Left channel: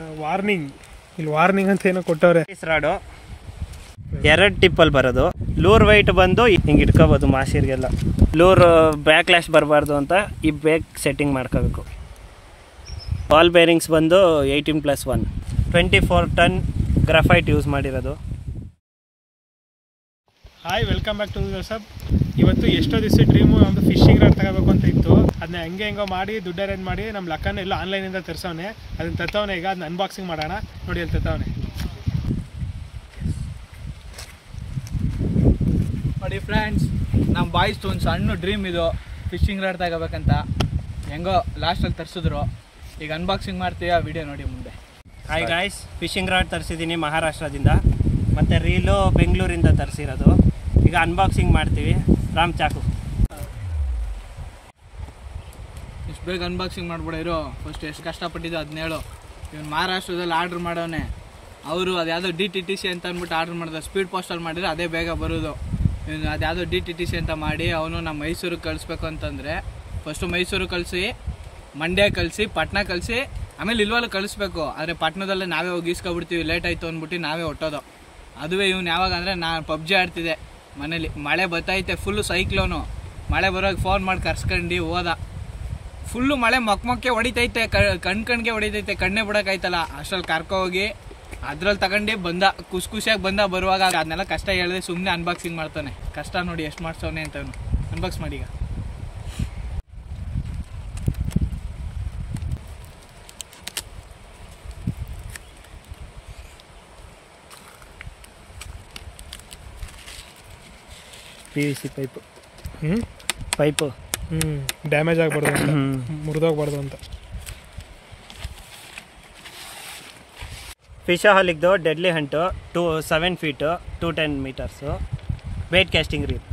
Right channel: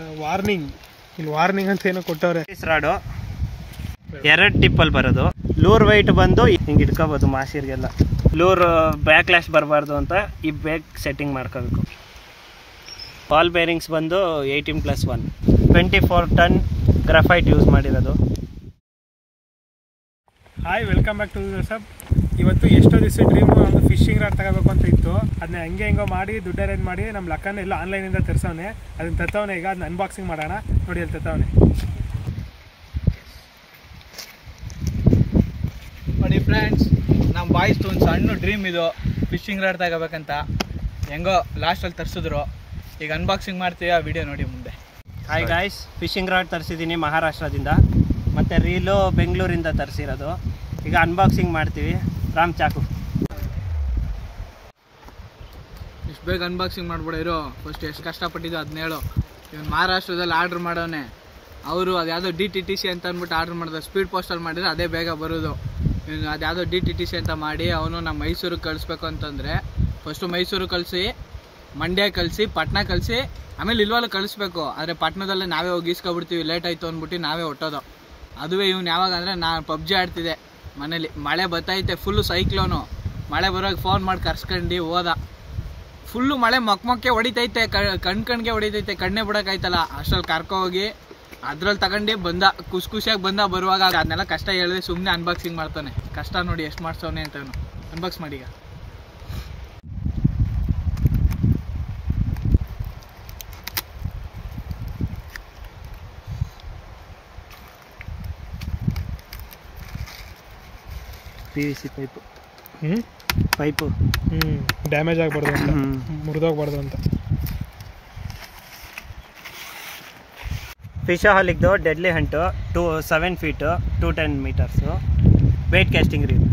Warning ಇಲ್ಲಿ warning ಅಂತ ಏನೋ ಕೊಟ್ಟವ್ರೆ. ರಾಡು 2 ಟಿಪ್ಪಲ್ಲಿ ಬರೋದು. ಲೂರ್ ವೈಟ್ ಬಂದು ಹಿಂಗೆ ಇಟ್ಕೋಬೋದು ಮಾಶಿರ್ಗೆಲ್ಲ. ಲೂರ್ ಬ್ಯಾಕ್ ಲ್ಯಾಶ್ ಬರಬಾರ್ದು ಅಂತ ಈ ಬೇಕ್ ಸೆಟ್ಟಿಂಗ್ ಮಾಡ್ಕೋಬೇಕು. ಬಾಲ್ ಬೇರಿಂಗ್ಸ್ ಬಂದು 18+1 24 ಟನ್ ಗ್ರಾಫೈಟ್ ಯೂಸ್ ಮಾಡಿರೋದು. ಹಾಯ್, ವೆಲ್ಕಮ್ ಬ್ಯಾಕ್ ಟು ಸಬ್. ಇವತ್ತು ಎಷ್ಟೋ ದಿವಸ ಡ್ರೀಮು ಒಂದು ಫಿಶಿಂಗ್ ರಾಡ್ ತಗೋಬೇಕು ಅಂತ ಇತ್ತು. ಅದನ್ನ ಹೆಂಗೋ ಮಾಡಿ ದುಡ್ಡು ಅರೇಂಜ್ ಮಾಡಿ ನಮ್ಮ ಲಕ್ಕನ ಎಲ್ಲ ಆನ್ಲೈನಿಂದ ತರಿಸೋನೆ. ಅದನ್ನ ತತ್ತವನೆ. ಈಗ ಅದನ್ನ ಅನ್ಬಾಕ್ಸಿಂಗ್ ಮಾಡೋಣ. ನೋಡಿ ಅಲ್ಲಿ ತತ್ತವನೆ. ನೋಡಿ ಫ್ರೆಂಡ್ಸ್, ನಮ್ಮ ಬಾಯ್ಸ್ದು ಒಂದು ಸಣ್ಣ ಡ್ರೀಮ್ ಇದು, ಫಿಶಿಂಗ್ ರಾಡ್ ತಗೋಬೇಕಂತ. ಹೆಂಗೋ ಲಾಸ್ಟಲ್ಲಿ ತರಿಸಿದ್ರು. ಈಗ ಅನ್ಬಾಕ್ಸಿಂಗ್ ಮಾಡ್ತೀವಿ, ಆ ವಿಡಿಯೋ ನೋಡಿ ಮುಂದೆ. ಹಾಯ್ ಗಾಯ್ಸ್, ಫಿಶಿಂಗ್ ರಾಡ್ ತರಿಸಿದ್ದೀನಿ ಮಹಾರಾಷ್ಟ್ರದಿಂದ, ಮತ್ತು ರೀಲು ಬೆಂಗಳೂರಿಂದ ತರಿಸಿರೋದು. ಈಗ ಅನ್ಬಾಕ್ಸಿಂಗ್ ಮಾಡ್ತೀವಿ. ರಾಮ್ ಚಾಕು ಇಷ್ಟು ಬೇಗ ಅನ್ಬಾಕ್ಸಿಂಗ್ ಮಾಡ್ಬಿಡೋ. ಫಸ್ಟ್ ಎಷ್ಟು ಕಷ್ಟಪಟ್ಟಿದ್ದು ಅದನ್ನ ಹೇಳು. ಇವನು ಮಹಾರಾಷ್ಟ್ರದಲ್ಲಿ ಆರ್ಡ್ರ್ ಮಾಡೋನೆ. ಅವರು ಅದ್ಯಾವುದೋ DTTC ಅಂತ ಅಂದ್ಬಿಟ್ಟು ಆರ್ಡ್ರ್ ಮಾಡಿದ. ಸ್ಪೀಡ್ ಪೋಸ್ಟಲ್ಲಿ ಮಾಡಿದ್ರೆ ಅದೇ ಬೇಗ ಬರೋದು. ಇವನು ಅದ್ಯಾವುದೋ DTTC ಅಂತ ಮಾಡಿ ಅವನು ನಮ್ಮ ಮೈಸೂರಿಗೆ ಕಳಿಸ್ಬೇಕು ಅಂತಂದರೆ ಫಸ್ಟು ಮೈಸೂರು ಕಳಿಸಿ, ಮಂಡ್ಯ ಕಳಿಸಿ, ಪಟ್ನಾ ಕಳಿಸಿ, ಆಮೇಲೆ ಇಲ್ವಲ್ಲ ಕಳಿಸ್ಬೇಕು. ಆದರೆ ಪಟ್ನದಲ್ಲೇ ನಾವೇ ಹೋಗಿ ಈಸ್ಕೊಬಿಡ್ತೀವಿ. ಲೇಟ್ ಆಯಿತು ಅಂದ್ಬಿಟ್ಟು ನಾವೇ ಹೊಟ್ಟೋದು. ಅದುವೇ ಇವನು ಯಾವಾಗ ಅಂದರೆ ನಾನು PUBG ಆಡ್ತಿದ್ದೆ ಮನೇಲಿ. ಮಳೆ ಬತ್ತೈತೆ, ಫುಲ್ಲು ಸೈಕ್ಲೋನು. ಮಳೆ ಬರೋಕ್ಕೆ ಫೋನ್ ಮಾಡಿ ಕರ್ಸ್ಕೊಂಡು ಹೋದ. ಫುಲ್ಲು ಮಳೆ ಮೊಕ್ಕೆ ಹೊಡಿತೈತೆ, ಕಣ್ಗೆ ಹೊಡಿತೈತೆ, ಕಣ್ಣೇ ಬಿಡೋಕ್ಕಾಯ್ತಲ್ಲ. ಅಷ್ಟರಲ್ಲಿ ಕರ್ಕೊ ಹೋಗಿ ಅದ್ರಲ್ಲಿ ತಗೊಂಡು ಬಂದ. ಖುಷಿಯಾಗಿ ಬಂದ. ಬರುವಾಗ ಅದನ್ನೆಲ್ಲ ಕಷ್ಟ ಹೇಳಿದೆ, ಸುಮ್ಮನೆ ಅನ್ಬಾಕ್ಸಿಂಗ್ ಮಾಡ್ತಾನೆ. ಕಷ್ಟ ನೋಡಿ ಎಷ್ಟು ಮಾಡ್ಸೋನೆ ಅಂತ. ಅನ್ಬಾಕ್ಸ್ ಮಾಡಿ. ಈಗ PVC ಪೈಪು ಪೈಪು ಡ್ಯಾಮೇಜ್ ಆಗಬಾರ್ದು ಅಂತ, ಮುರಿದೋಗ್ಬಾರ್ದು ಅಂತ. ಫಿಶಹಾಲಿಕ್ದು deadly hunt 7 feet 210 metres weight casting reel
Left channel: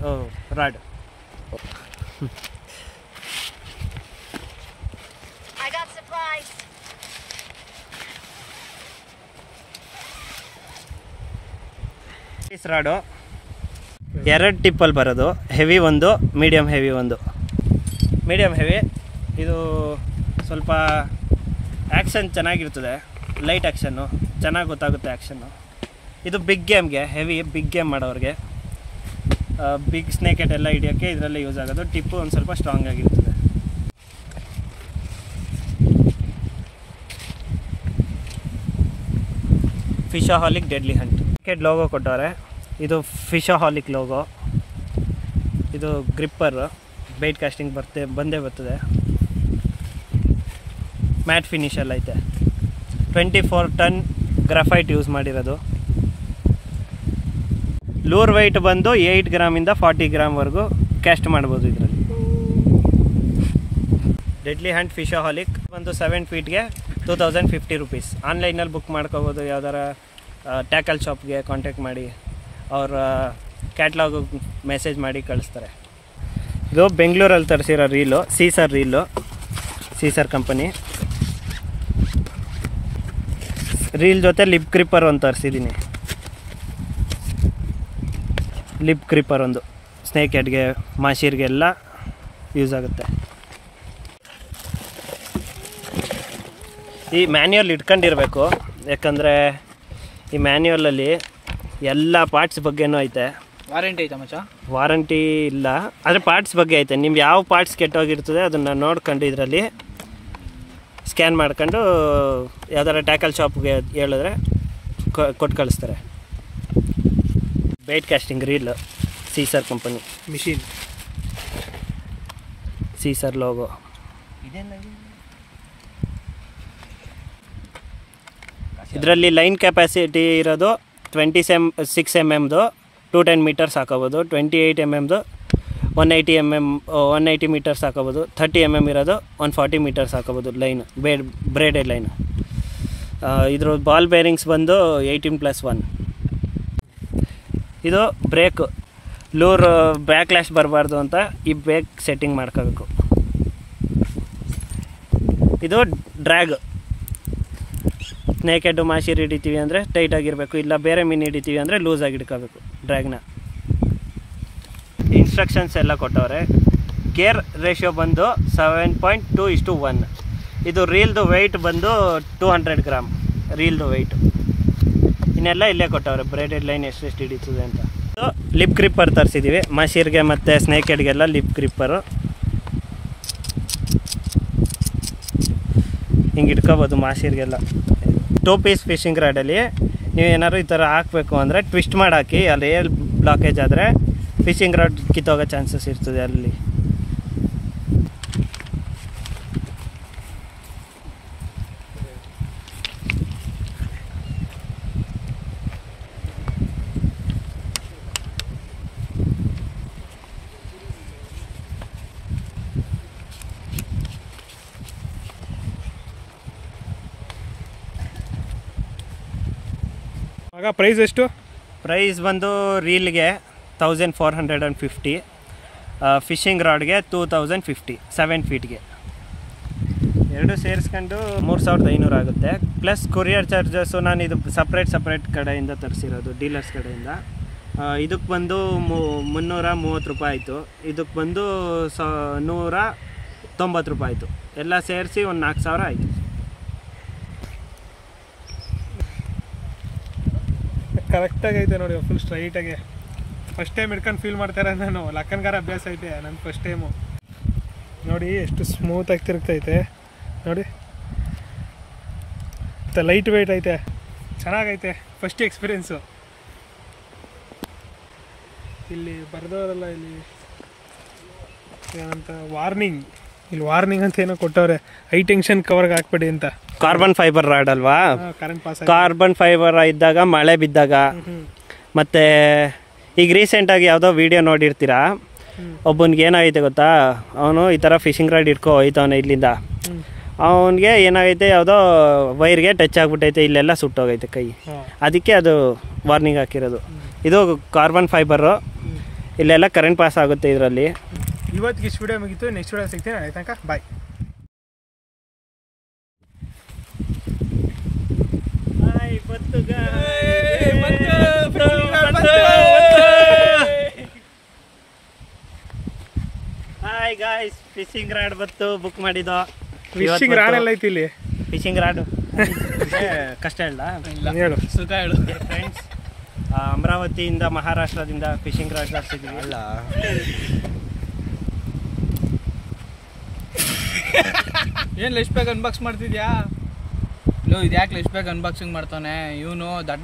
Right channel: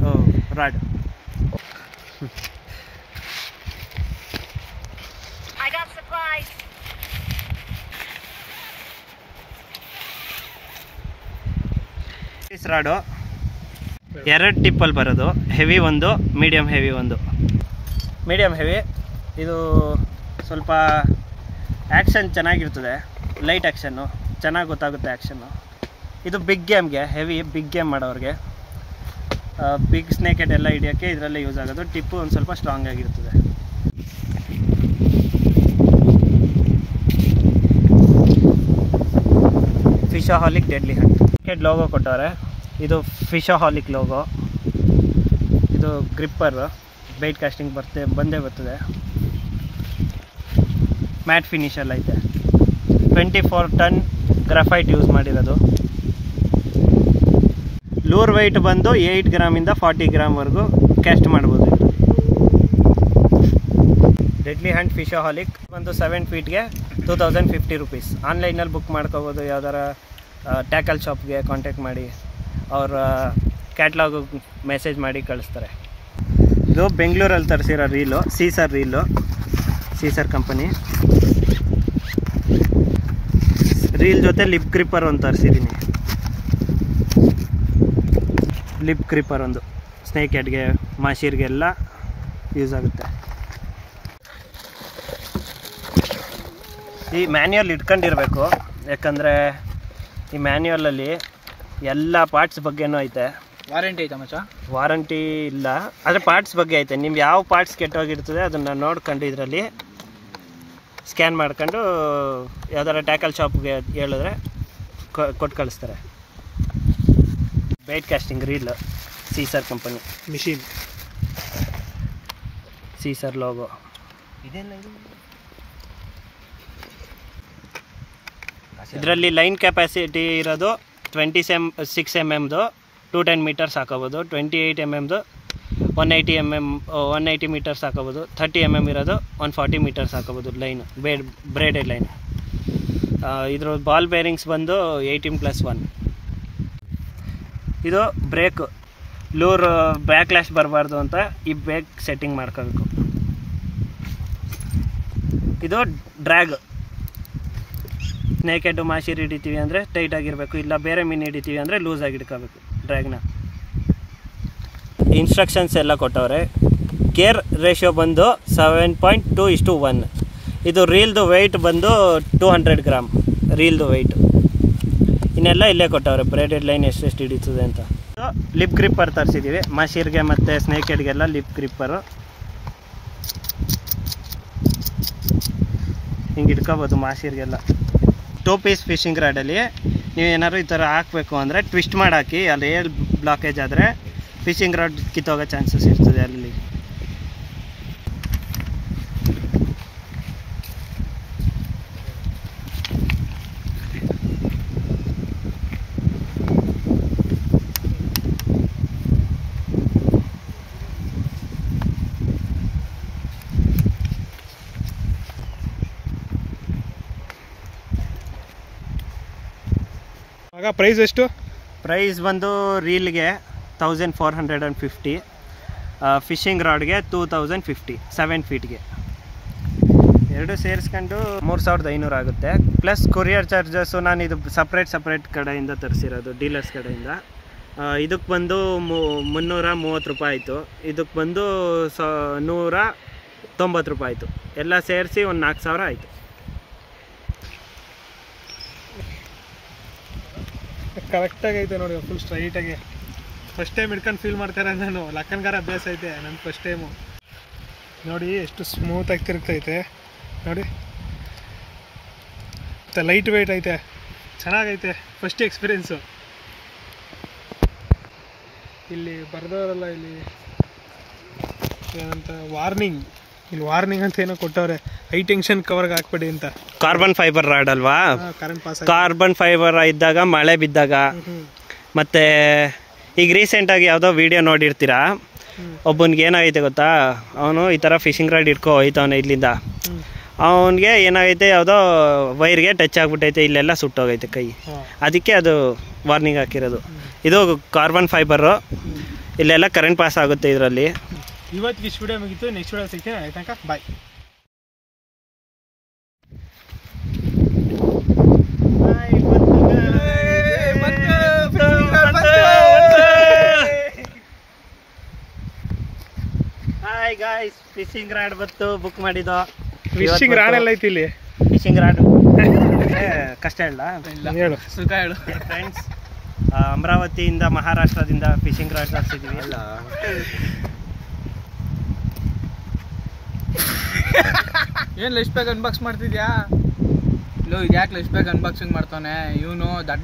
rod. Rod 2 ಟಿಪ್ಪಲ್ಲಿ ಬರೋದು. ಹೆವಿ ಒಂದು, ಮೀಡಿಯಮ್ ಹೆವಿ ಒಂದು. ಮೀಡಿಯಮ್ ಹೆವಿ ಇದು ಸ್ವಲ್ಪ ಆ್ಯಕ್ಷನ್ ಚೆನ್ನಾಗಿರ್ತದೆ. ಲೈಟ್ ಆ್ಯಕ್ಷನ್ನು ಚೆನ್ನಾಗಿ ಗೊತ್ತಾಗುತ್ತೆ ಆ್ಯಕ್ಷನ್ನು. ಇದು ಬಿಗ್ ಗೇಮ್ಗೆ, ಹೆವಿ ಬಿಗ್ ಗೇಮ್ ಮಾಡೋರಿಗೆ, ಬಿಗ್ ಸ್ನೇಕ್ ಹೆಡ್ ಎಲ್ಲ ಹಿಡಿಯೋಕ್ಕೆ ಇದರಲ್ಲೇ ಯೂಸ್ ಆಗೋದು. ಟಿಪ್ಪು ಒಂದು ಸ್ವಲ್ಪ ಸ್ಟ್ರಾಂಗ್ ಆಗಿರ್ತದೆ. ಫಿಶಹಾಲಿಕ್ ಡೆಡ್ಲಿ ಹಂಟ್ ಹೆಡ್ ಲೋಗೋ ಕೊಟ್ಟವ್ರೆ. ಇದು ಫಿಶಹಾಲಿಕ್ ಲೋಗೋ. ಇದು ಗ್ರಿಪ್ಪರ್, ಬೈಟ್ ಕಾಸ್ಟಿಂಗ್ ಬಂದೇ ಬರ್ತದೆ. ಮ್ಯಾಟ್ ಫಿನಿಷಲ್ಲಿ ಐತೆ. 24 ಟನ್ ಗ್ರಾಫೈಟ್ ಯೂಸ್ ಮಾಡಿರೋದು. ಲೂರ್ ವೈಟ್ ಬಂದು 8 ಗ್ರಾಮಿಂದ 40 ಗ್ರಾಮ್ವರೆಗೂ ಕ್ಯಾಸ್ಟ್ ಮಾಡ್ಬೋದು. ಇದು ಡೆಡ್ಲಿ ಹಂಟ್ ಫಿಶಹಾಲಿಕ್ ಬಂದು 7 ಫೀಟ್ಗೆ 2050 ರುಪೀಸ್. ಆನ್ಲೈನಲ್ಲಿ ಬುಕ್ ಮಾಡ್ಕೋಬೋದು. ಯಾವ್ದಾರ ಟ್ಯಾಕಲ್ ಶಾಪ್ಗೆ ಕಾಂಟ್ಯಾಕ್ಟ್ ಮಾಡಿ ಅವ್ರ ಕ್ಯಾಟ್ಲಾಗು ಮೆಸೇಜ್ ಮಾಡಿ ಕಳಿಸ್ತಾರೆ. ಇದು ಬೆಂಗಳೂರಲ್ಲಿ ತರಿಸಿರೋ reel, Caesar reel, Caesar company. Reel ಜೊತೆ ಲಿಪ್ ಗ್ರಿಪ್ಪರ್ ಒಂದು ತರಿಸಿದ್ದೀನಿ. ಲಿಪ್ ಗ್ರಿಪ್ಪರ್ ಒಂದು ಸ್ನೇಕ್ ಹೆಡ್ಗೆ, ಮಾಶೀರ್ಗೆಲ್ಲ ಯೂಸ್ ಆಗುತ್ತೆ. ಈ ಮ್ಯಾನ್ಯುವಲ್ ಇಟ್ಕೊಂಡಿರಬೇಕು, ಯಾಕಂದರೆ ಈ ಮ್ಯಾನ್ಯುವಲಲ್ಲಿ ಎಲ್ಲ ಪಾರ್ಟ್ಸ್ ಬಗ್ಗೆನೂ ಐತೆ. ವಾರಂಟಿ ಐತೆ ಮಚ್ಚ? ವಾರಂಟಿ ಇಲ್ಲ, ಆದರೆ ಪಾರ್ಟ್ಸ್ ಬಗ್ಗೆ ಐತೆ. ನಿಮ್ಗೆ ಯಾವ ಪಾರ್ಟ್ಸ್ ಕೆಟ್ಟೋಗಿರ್ತದೆ ಅದನ್ನು ನೋಡ್ಕೊಂಡು ಇದರಲ್ಲಿ ಸ್ಕ್ಯಾನ್ ಮಾಡ್ಕೊಂಡು ಯಾವ್ದಾರ ಟ್ಯಾಕಲ್ ಶಾಪ್ಗೆ ಹೇಳಿದ್ರೆ ಕೊಟ್ಟು ಕಳಿಸ್ತಾರೆ. Bait casting reel, Caesar company machine, Caesar logo. ಇದರಲ್ಲಿ ಲೈನ್ ಕೆಪಾಸಿಟಿ ಇರೋದು 26 mm 210 ಮೀಟರ್ಸ್ ಹಾಕೋಬೋದು. 28 mm 180 ಮೀಟರ್ಸ್ ಹಾಕೋಬೋದು. 30 mm ಇರೋದು 140 ಮೀಟರ್ಸ್ ಹಾಕೋಬೋದು. Line braided line. ಇದ್ರ ಬಾಲ್ ಬೇರಿಂಗ್ಸ್ ಬಂದು 18+1. ಇದು ಬ್ರೇಕು. ಲೂರ್ ಬ್ಯಾಕ್ ಲ್ಯಾಶ್ ಬರಬಾರ್ದು ಅಂತ ಈ ಬ್ರೇಕ್ ಸೆಟ್ಟಿಂಗ್ ಮಾಡ್ಕೋಬೇಕು. ಇದು ಡ್ರ್ಯಾಗ್. ಸ್ನೇಕ್ ಹೆಡ್ ಮಾಶೀರ್ ಹಿಡಿತೀವಿ ಅಂದರೆ ಟೈಟಾಗಿರಬೇಕು, ಇಲ್ಲ ಬೇರೆ ಮೀನು ಹಿಡಿತೀವಿ ಅಂದರೆ ಲೂಸಾಗಿ ಹಿಡ್ಕೋಬೇಕು ಡ್ರ್ಯಾಗ್ನ. ಇನ್ಸ್ಟ್ರಕ್ಷನ್ಸ್ ಎಲ್ಲ ಕೊಟ್ಟವ್ರೆ. ಗೇರ್ ರೇಷಿಯೋ ಬಂದು 7.2:1. ಇದು ರೀಲ್ದು ವೆಯ್ಟ್ ಬಂದು 200 ಗ್ರಾಮ್. ರೀಲ್ದು ವೆಯ್ಟು. ಇನ್ನೆಲ್ಲ ಇಲ್ಲೇ ಕೊಟ್ಟವ್ರೆ ಬ್ರೇಡೆಡ್ ಲೈನ್ ಎಷ್ಟೆಷ್ಟು ಹಿಡಿತದೆ ಅಂತ. ಲಿಪ್ ಗ್ರಿಪ್ಪರ್ ತರಿಸಿದ್ದೀವಿ ಮಶೀರ್ಗೆ ಮತ್ತು ಸ್ನೇಕ್ ಹೆಡ್ಗೆಲ್ಲ ಲಿಪ್ ಗ್ರಿಪ್ಪರು. ಹಿಂಗೆ ಇಟ್ಕೋಬೋದು ಮಾಶೀರ್ಗೆಲ್ಲ. 2 ಪೀಸ್ ಫಿಶಿಂಗ್ ರಾಡಲ್ಲಿ ನೀವು ಏನಾದ್ರು ಈ ಥರ ಹಾಕಬೇಕು ಅಂದರೆ ಟ್ವಿಸ್ಟ್ ಮಾಡಿ ಹಾಕಿ. ಅಲ್ಲಿ ಏರ್ ಬ್ಲಾಕೇಜ್ ಆದರೆ ಫಿಶಿಂಗ್ ರಾಡ್ ಕಿತ್ತೋಗೋ ಚಾನ್ಸಸ್ ಇರ್ತದೆ ಅಲ್ಲಿ. ಆಗ ಪ್ರೈಸ್ ಎಷ್ಟು? ಪ್ರೈಸ್ ಬಂದು ರೀಲ್ಗೆ 1450, ಫಿಶಿಂಗ್ ರಾಡ್ಗೆ 2050 7 ಫೀಟ್ಗೆ. ಎರಡು ಸೇರಿಸ್ಕೊಂಡು 3500 ಆಗುತ್ತೆ. ಪ್ಲಸ್ ಕೊರಿಯರ್ ಚಾರ್ಜಸ್ಸು ನಾನು ಇದು ಸಪ್ರೇಟ್ ಕಡೆಯಿಂದ ತರಿಸಿರೋದು, ಡೀಲರ್ಸ್ ಕಡೆಯಿಂದ. ಇದಕ್ಕೆ ಬಂದು 330 ರೂಪಾಯಿ ಆಯಿತು. ಇದಕ್ಕೆ ಬಂದು 190 ರೂಪಾಯಿ ಆಯಿತು. ಎಲ್ಲ ಸೇರಿಸಿ ಒಂದು 4000 ಆಯಿತು. ಕರೆಕ್ಟಾಗಿ ಐತೆ ನೋಡಿ, ಫುಲ್ ಸ್ಟ್ರೈಟಾಗಿ. ಫಸ್ಟ್ ಟೈಮ್ ಹಿಡ್ಕೊಂಡು ಫೀಲ್ ಮಾಡ್ತಾರೆ ನಾನು. ಲಕ್ಕನ್ಗಾರ ಅಭ್ಯಾಸ ಐತೆ, ನನ್ನ ಫಸ್ಟ್ ಟೈಮು. ನೋಡಿ ಎಷ್ಟು ಸ್ಮೂತಾಗಿ ತಿರುಗ್ತೈತೆ ನೋಡಿ, ಮತ್ತು ಲೈಟ್ ವೆಯ್ಟ್ ಐತೆ, ಚೆನ್ನಾಗೈತೆ. First experience. ಇಲ್ಲಿ ಬರ್ದವರಲ್ಲ, ಇಲ್ಲಿ ಏನಂತ ವಾರ್ನಿಂಗ್ ಅಂತ ಏನೋ ಕೊಟ್ಟವ್ರೆ, ಹೈ ಟೆನ್ಷನ್ ಕವರ್ಗೆ ಹಾಕ್ಬೇಡಿ ಅಂತ. ಕಾರ್ಬನ್ ಫೈಬರ್ ರಾಡ್ ಅಲ್ವಾ? Current pass. ಕಾರ್ಬನ್ ಫೈಬರ್ ಇದ್ದಾಗ, ಮಳೆ ಬಿದ್ದಾಗ, ಮತ್ತು ಈಗ ರೀಸೆಂಟಾಗಿ ಯಾವುದೋ ವಿಡಿಯೋ ನೋಡಿರ್ತೀರಾ, ಒಬ್ಬನಿಗೆ ಏನಾಗೈತೆ ಗೊತ್ತಾ, ಅವನು ಈ ಥರ ಫಿಶಿಂಗ್ ರಾಡ್ ಇಟ್ಕೊ ಹೋಯ್ತವನೆ ಇಲ್ಲಿಂದ. ಅವನಿಗೆ ಏನಾಗೈತೆ, ಯಾವುದೋ ವೈರ್ಗೆ ಟಚ್ ಆಗಿಬಿಟ್ಟೈತೆ, ಇಲ್ಲೆಲ್ಲ ಸುಟ್ಟೋಗೈತೆ ಕೈ. ಅದಕ್ಕೆ ಅದು ವಾರ್ನಿಂಗ್ ಹಾಕಿರೋದು. ಇದು ಕಾರ್ಬನ್ ಫೈಬರು, ಇಲ್ಲೆಲ್ಲ ಕರೆಂಟ್ ಪಾಸ್ ಆಗುತ್ತೆ ಇದರಲ್ಲಿ. ಇವತ್ತಿಗೆ ಇಷ್ಟು ವಿಡಿಯೋ ಮುಗಿತು. ನೆಕ್ಸ್ಟ್ ವಿಡಿಯೋ ಸಿಗ್ತೀನಿ. ಆಯ್ತು ತನಕ bye. Hi guys, fishing rod ಬತ್ತು ಬುಕ್ ಮಾಡಿದ್ದು. ಫಿಶಿಂಗ್ ರಾಡ್ ಎಲ್ಲ ಐತಿ ಇಲ್ಲಿ. ಫಿಶಿಂಗ್ ರಾಡ್ ಕಷ್ಟ ಹೇಳು, ಸುಖ ಹೇಳು. ಫ್ರೆಂಡ್ಸ್, ಅಮರಾವತಿಯಿಂದ ಮಹಾರಾಷ್ಟ್ರದಿಂದ ಫಿಶಿಂಗ್ ರಾಡ್ ತರಿಸಿದ್ದೀವಿ. ಏನು ಲೆಶ್ ಬ್ಯಾಗ್ ಅನ್ಬಾಕ್ಸ್ ಮಾಡ್ತಿದ್ಯಾ? ಲೋ, ಇದು ಯಾಕೆ ಲೆಶ್ ಬ್ಯಾಗ್ ಅನ್ಬಾಕ್ಸಿಂಗ್ ಮಾಡ್ತಾನೆ ಇವನು? ದಟ್